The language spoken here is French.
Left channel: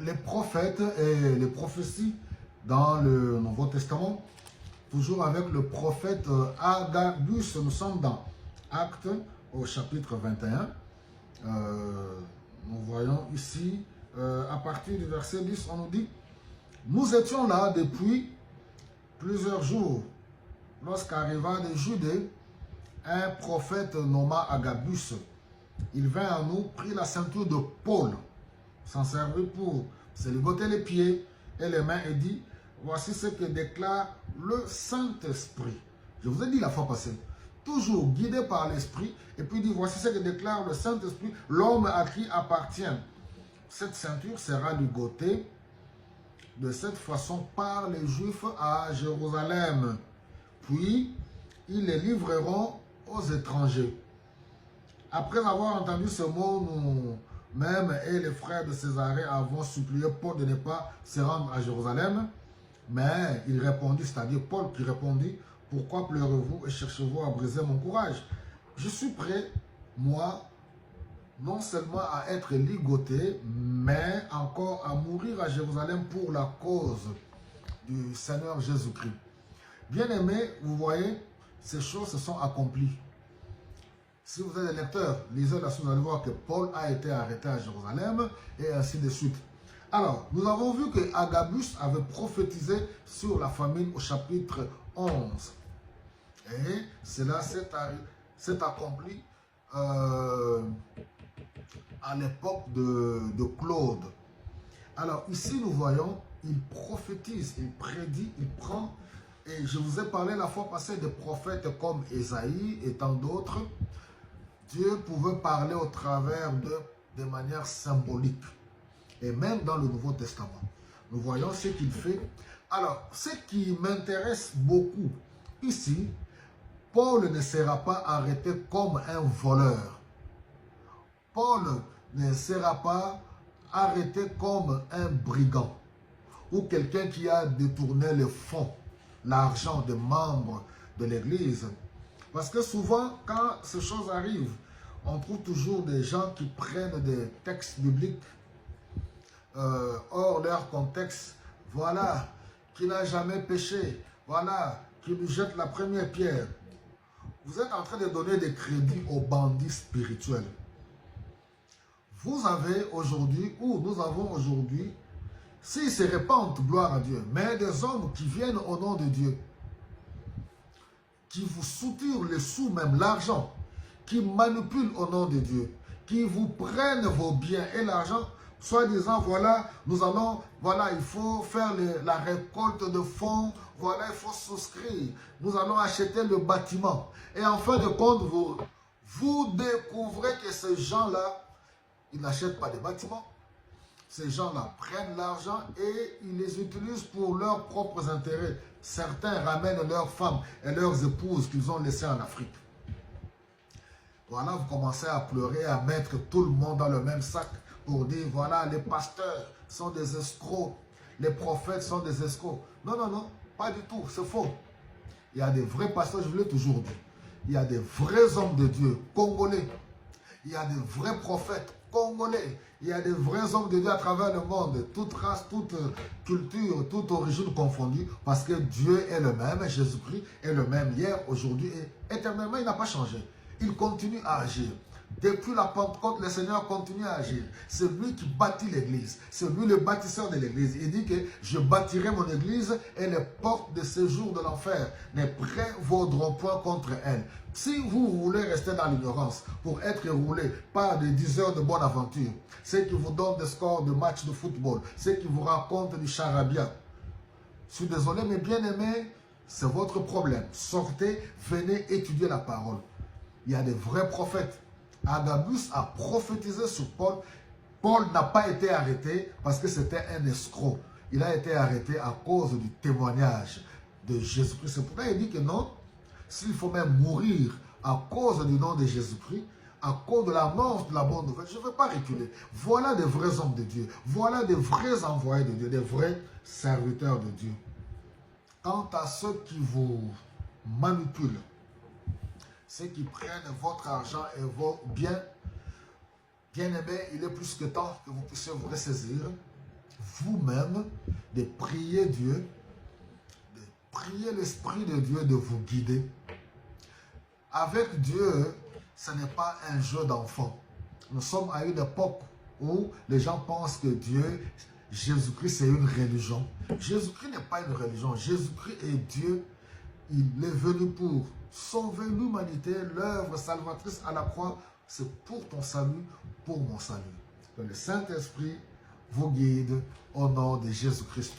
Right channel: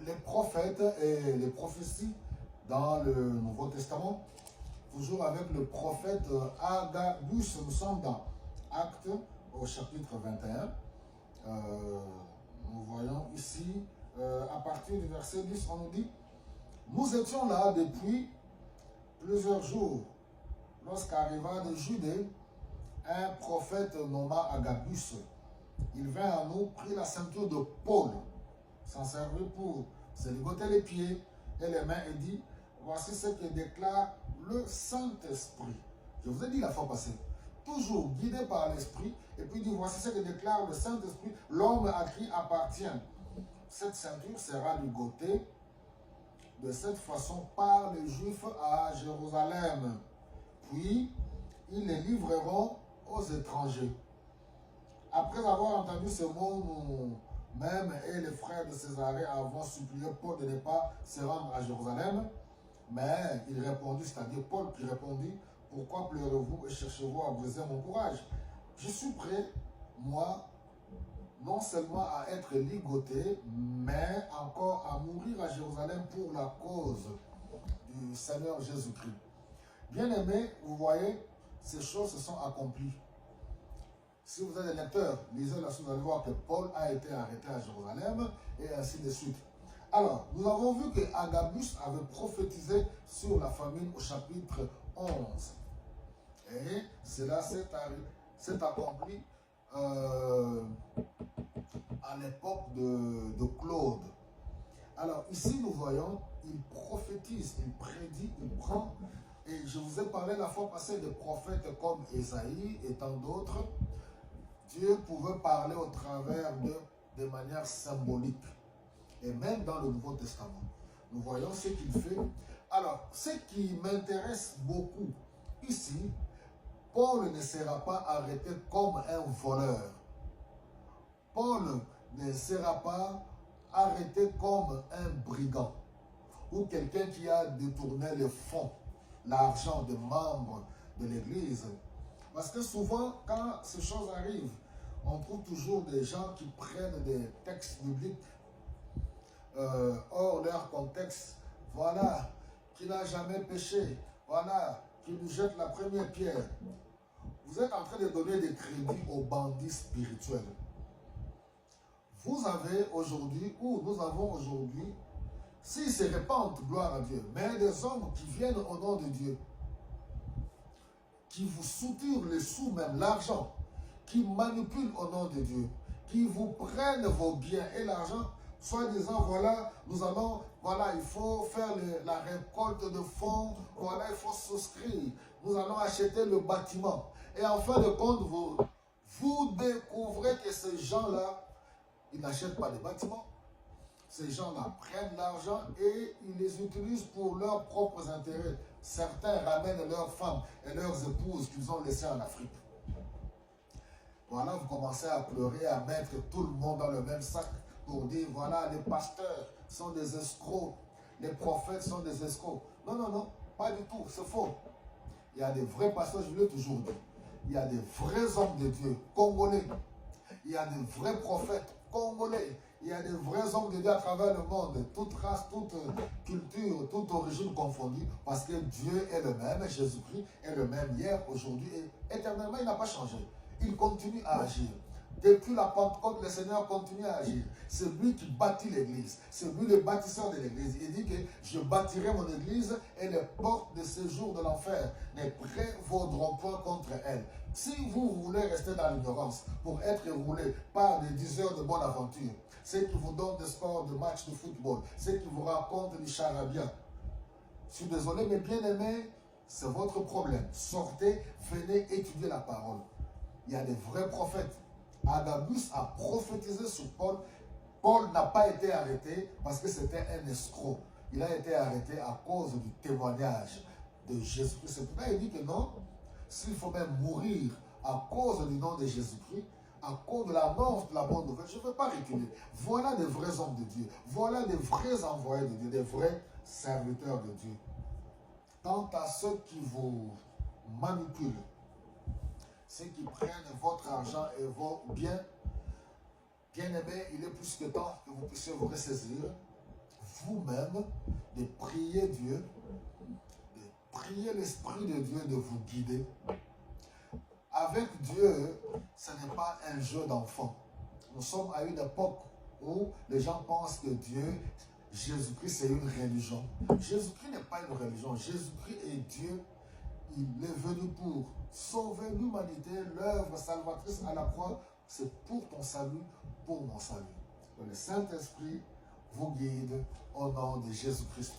les prophètes et les prophéties dans le Nouveau Testament, toujours avec le prophète Agabus. Nous sommes dans Actes au chapitre 21. Nous voyons ici, à partir du verset 10, on nous dit: nous étions là depuis plusieurs jours, lorsqu'arriva de Judée un prophète nommé Agabus. Il vint à nous, prit la ceinture de Paul, s'en servit pour se ligoter les pieds et les mains et dit: voici ce que déclare le Saint-Esprit. Je vous ai dit la fois passée, toujours guidé par l'Esprit, et puis il dit: voici ce que déclare le Saint-Esprit, l'homme à qui appartient cette ceinture sera ligotée de cette façon par les Juifs à Jérusalem. Puis ils les livreront aux étrangers. Après avoir entendu ce mot, nous-mêmes et les frères de Césarée avons supplié Paul de ne pas se rendre à Jérusalem. Mais il répondit, c'est-à-dire Paul qui répondit: pourquoi pleurez-vous et cherchez-vous à briser mon courage? Je suis prêt, moi, non seulement à être ligoté, mais encore à mourir à Jérusalem pour la cause du Seigneur Jésus-Christ. Bien-aimés, vous voyez, ces choses se sont accomplies. Si vous êtes des lecteurs, lisez la suite, vous allez voir que Paul a été arrêté à Jérusalem et ainsi de suite. Alors, nous avons vu que Agabus avait prophétisé sur la famine au chapitre 11. Et cela s'est accompli à l'époque de Claude. Alors ici nous voyons, il prophétise, il prédit, il prend, et je vous ai parlé la fois passée des prophètes comme Ésaïe et tant d'autres. Dieu pouvait parler au travers de manière symbolique, et même dans le Nouveau Testament. Nous voyons ce qu'il fait. Alors, ce qui m'intéresse beaucoup ici, Paul ne sera pas arrêté comme un voleur. Paul ne sera pas arrêté comme un brigand ou quelqu'un qui a détourné les fonds, l'argent des membres de l'Église. Parce que souvent, quand ces choses arrivent, on trouve toujours des gens qui prennent des textes bibliques hors leur contexte. Voilà, qui n'a jamais péché. Voilà, qui lui jette la première pierre. Vous êtes en train de donner des crédits aux bandits spirituels. Vous avez aujourd'hui, ou nous avons aujourd'hui, s'ils se répandent, gloire à Dieu, mais des hommes qui viennent au nom de Dieu, qui vous soutirent les sous, même l'argent, qui manipulent au nom de Dieu, qui vous prennent vos biens et l'argent, soit disant, voilà, nous allons, voilà, il faut faire la récolte de fonds, voilà, il faut souscrire, nous allons acheter le bâtiment. Et en fin de compte, vous découvrez que ces gens-là, ils n'achètent pas de bâtiments. Ces gens-là prennent l'argent et ils les utilisent pour leurs propres intérêts. Certains ramènent leurs femmes et leurs épouses qu'ils ont laissées en Afrique. Voilà, vous commencez à pleurer, à mettre tout le monde dans le même sac pour dire, voilà, les pasteurs sont des escrocs, les prophètes sont des escrocs. Non, non, non, pas du tout, c'est faux. Il y a des vrais pasteurs, je vous l'ai toujours dit. Il y a des vrais hommes de Dieu, congolais. Il y a des vrais prophètes congolais. Il y a des vrais hommes de Dieu à travers le monde, toute race, toute culture, toute origine confondue, parce que Dieu est le même, Jésus-Christ est le même hier, aujourd'hui et éternellement, il n'a pas changé. Il continue à agir. Depuis la Pentecôte, le Seigneur continue à agir. C'est lui qui bâtit l'église. C'est lui le bâtisseur de l'église. Il dit que je bâtirai mon église et les portes de séjour de l'enfer ne prévaudront point contre elle. Si vous voulez rester dans l'ignorance pour être roulé par des 10 heures de bonne aventure, ceux qui vous donnent des scores de matchs de football, ceux qui vous racontent du charabia, je suis désolé, mais bien aimé, c'est votre problème. Sortez, venez étudier la parole. Il y a des vrais prophètes. Agabus a prophétisé sur Paul. Paul n'a pas été arrêté parce que c'était un escroc. Il a été arrêté à cause du témoignage de Jésus-Christ. C'est pourquoi il dit que non, s'il faut même mourir à cause du nom de Jésus-Christ, à cause de l'annonce de la bonne nouvelle, je ne veux pas reculer. Voilà des vrais hommes de Dieu. Voilà des vrais envoyés de Dieu, des vrais serviteurs de Dieu. Quant à ceux qui vous manipulent, ceux qui prennent votre argent et vos biens, bien aimés, il est plus que temps que vous puissiez vous ressaisir vous-même de prier Dieu, de prier l'Esprit de Dieu de vous guider. Avec Dieu, ce n'est pas un jeu d'enfant. Nous sommes à une époque où les gens pensent que Dieu, Jésus-Christ, c'est une religion. Jésus-Christ n'est pas une religion. Jésus-Christ est Dieu. Il est venu pour sauver l'humanité. L'œuvre salvatrice à la croix, c'est pour ton salut, pour mon salut. Que le Saint-Esprit vous guide au nom de Jésus-Christ.